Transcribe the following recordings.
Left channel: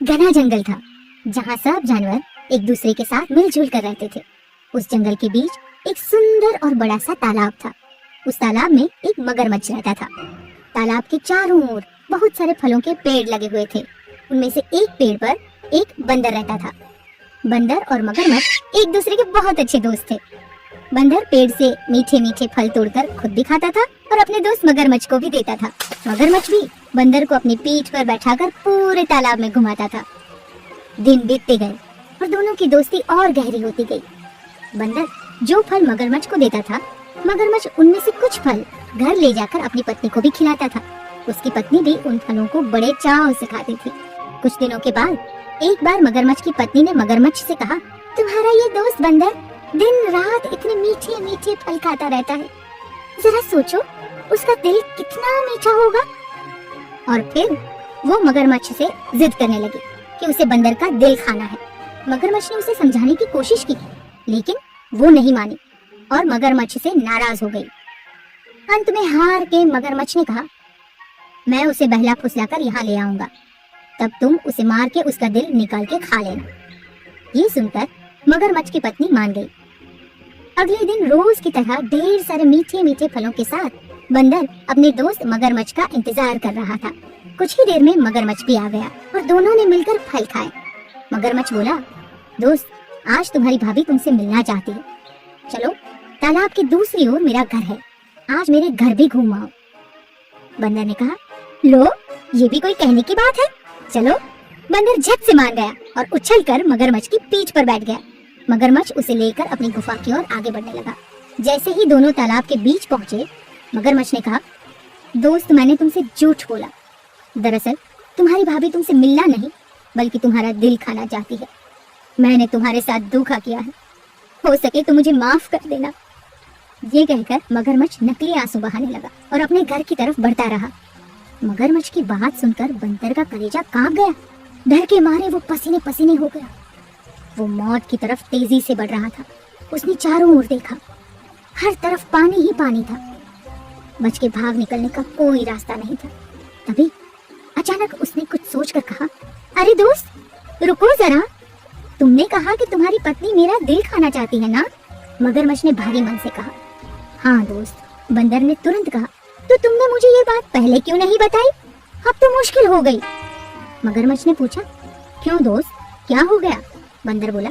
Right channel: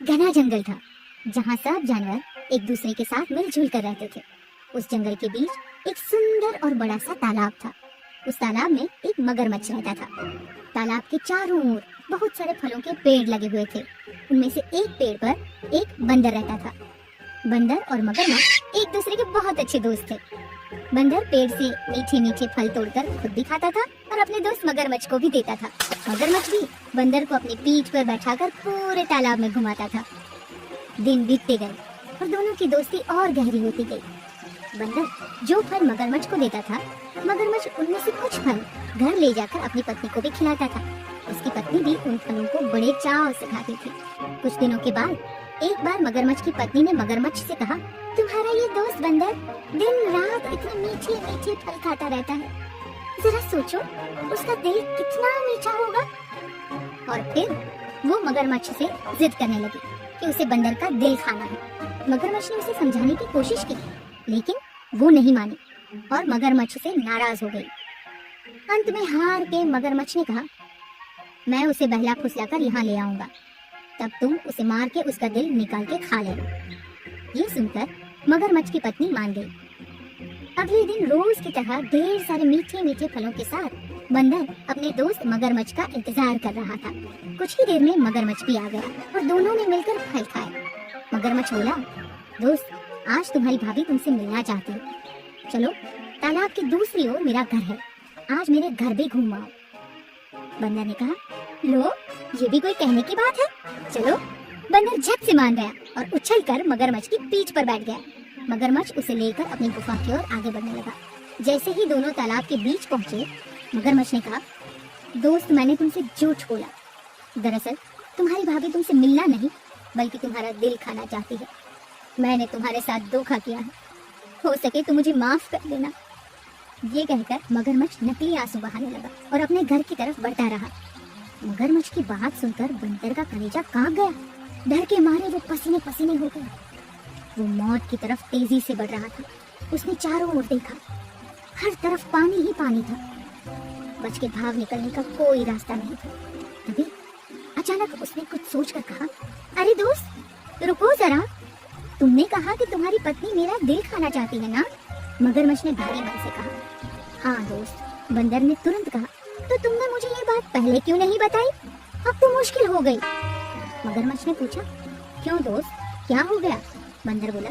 एक घना जंगल था जहाँ सब जानवर एक दूसरे के साथ मिलजुल कर रहते थे। उस जंगल के बीच एक सुंदर और बड़ा सा तालाब था। उस तालाब में एक मगरमच्छ रहता था। तालाब के चारों ओर बहुत सारे फलों के पेड़ लगे हुए थे। उनमें से एक पेड़ पर एक बंदर रहता था। बंदर और मगरमच्छ एक दूसरे के बहुत अच्छे दोस्त थे। बंदर पेड़ से मीठे मीठे फल तोड़कर खुद भी खाता था और अपने दोस्त मगरमच्छ को भी देता था। मगरमच्छ भी बंदर को अपनी पीठ पर बैठाकर पूरे तालाब में घुमाता था। दिन बीतते गए और दोनों की दोस्ती और गहरी होती गई। बंदर जो फल मगरमच्छ को देता था, मगरमच्छ उनमें से कुछ फल घर ले जाकर अपनी पत्नी को भी खिलाता था। उसकी पत्नी भी उन फलों को बड़े चाव से खाती थी। कुछ दिनों के बाद एक बार मगरमच्छ की पत्नी ने मगरमच्छ से कहा, तुम्हारा ये दोस्त बंदर दिन रात इतने मीठे मीठे फल खाता रहता है, जरा सोचो उसका दिल कितना मीठा होगा। और फिर वो मगरमच्छ से जिद करने लगी कि उसे बंदर का दिल खाना है। मगरमच्छ ने उसे समझाने की कोशिश की, लेकिन वो नहीं मानी और मगरमच्छ से नाराज हो गई। अंत में हार के मगरमच्छ ने कहा, मैं उसे बहला फुसलाकर यहाँ ले आऊंगा, तब तुम उसे मार के उसका दिल निकाल के खा लेना। ये सुनकर मगरमच्छ की पत्नी मान गई। अगले दिन रोज की तरह ढेर सारे मीठे मीठे फलों के साथ बंदर अपने दोस्त मगरमच्छ का इंतजार कर रहा था। कुछ ही देर में मगरमच्छ भी आ गया और दोनों ने मिलकर फल खाए। मगरमच्छ बोला, दोस्त, आज तुम्हारी भाभी तुमसे मिलना चाहती है, चलो तालाब की दूसरी ओर मेरा घर है, आज मेरे घर भी घूम आओ। बंदर ने कहा, लो ये भी कोई कहने की बात है, चलो। बंदर झट से मान गया और उछलकर मगरमच्छ की पीठ पर बैठ गया। मगरमच्छ उसे लेकर अपनी गुफा की ओर आगे बढ़ने लगा। जैसे ही दोनों तालाब के बीच पहुंचे, मगरमच्छ ने कहा, दोस्त, मैंने तुमसे झूठ बोला। दरअसल तुम्हारी भाभी तुमसे मिलना नहीं बल्कि तुम्हारा दिल खाना चाहती है। मैंने तुम्हारे साथ धोखा किया है, हो सके तो मुझे माफ कर देना। ये कहकर मगरमच्छ नकली आंसू बहाने लगा और अपने घर की तरफ बढ़ता रहा। मगरमच्छ की बात सुनकर बंदर का कलेजा कांप गया। डर के मारे वो पसीने पसीने हो गया। वो मौत की तरफ तेजी से बढ़ रहा था। उसने चारों ओर देखा, हर तरफ पानी ही पानी था। बच के भाग निकलने का कोई रास्ता नहीं था। तभी अचानक उसने कुछ सोचकर कहा, अरे दोस्त, रुको जरा, तुमने कहा कि तुम्हारी पत्नी मेरा दिल खाना चाहती है ना? मगरमच्छ ने भारी मन से कहा, हाँ दोस्त। बंदर ने तुरंत कहा, तो तुमने मुझे ये बात पहले क्यों नहीं बताई? अब तो मुश्किल हो गई। मगरमच्छ ने पूछा, क्यों दोस्त, क्या हो गया? बंदर बोला,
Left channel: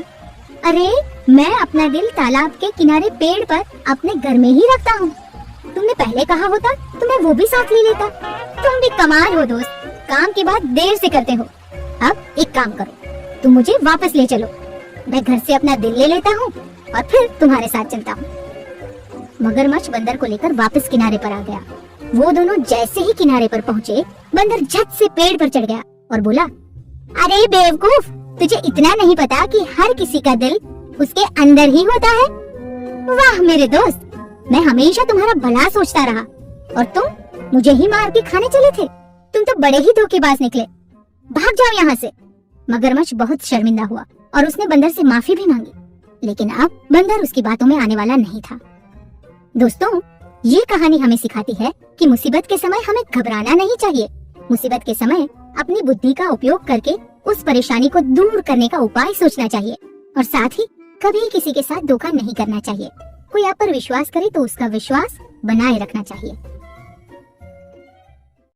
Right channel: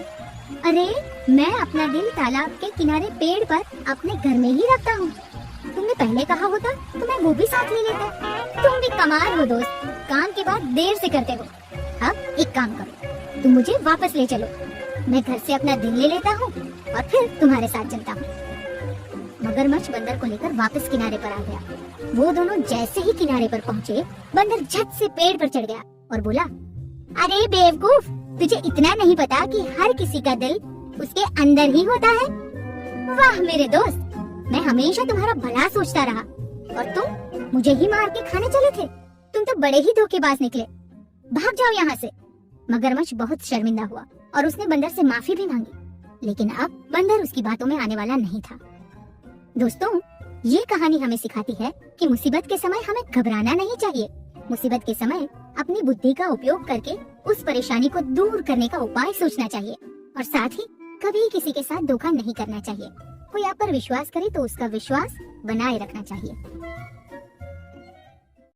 अरे मैं अपना दिल तालाब के किनारे पेड़ पर अपने घर में ही रखता हूँ। तुमने पहले कहा होता तो मैं वो भी साथ ले लेता। तुम भी कमाल हो दोस्त, काम के बाद देर से करते हो। अब एक काम करो, तुम मुझे वापस ले चलो, मैं घर से अपना दिल ले लेता हूँ और फिर तुम्हारे साथ चलता हूँ। मगरमच्छ बंदर को लेकर वापस किनारे पर आ गया। वो दोनों जैसे ही किनारे पर पहुँचे, बंदर झट से पेड़ पर चढ़ गया और बोला, अरे बेवकूफ, तुझे इतना नहीं पता कि हर किसी का दिल उसके अंदर ही होता है? वाह मेरे दोस्त, मैं हमेशा तुम्हारा भला सोचता रहा और तुम मुझे ही मार के खाने चले थे। तुम तो बड़े ही धोखेबाज निकले, भाग जाओ यहाँ से। मगरमच्छ बहुत शर्मिंदा हुआ और उसने बंदर से माफी भी मांगी, लेकिन अब बंदर उसकी बातों में आने वाला नहीं था। दोस्तों, ये कहानी हमें सिखाती है कि मुसीबत के समय हमें घबराना नहीं चाहिए। मुसीबत के समय अपनी बुद्धि का उपयोग करके उस परेशानी को दूर करने का उपाय सोचना चाहिए और साथ ही कभी किसी के साथ धोखा नहीं करना चाहिए। कोई आप पर विश्वास करे तो उसका विश्वास बनाए रखना चाहिए।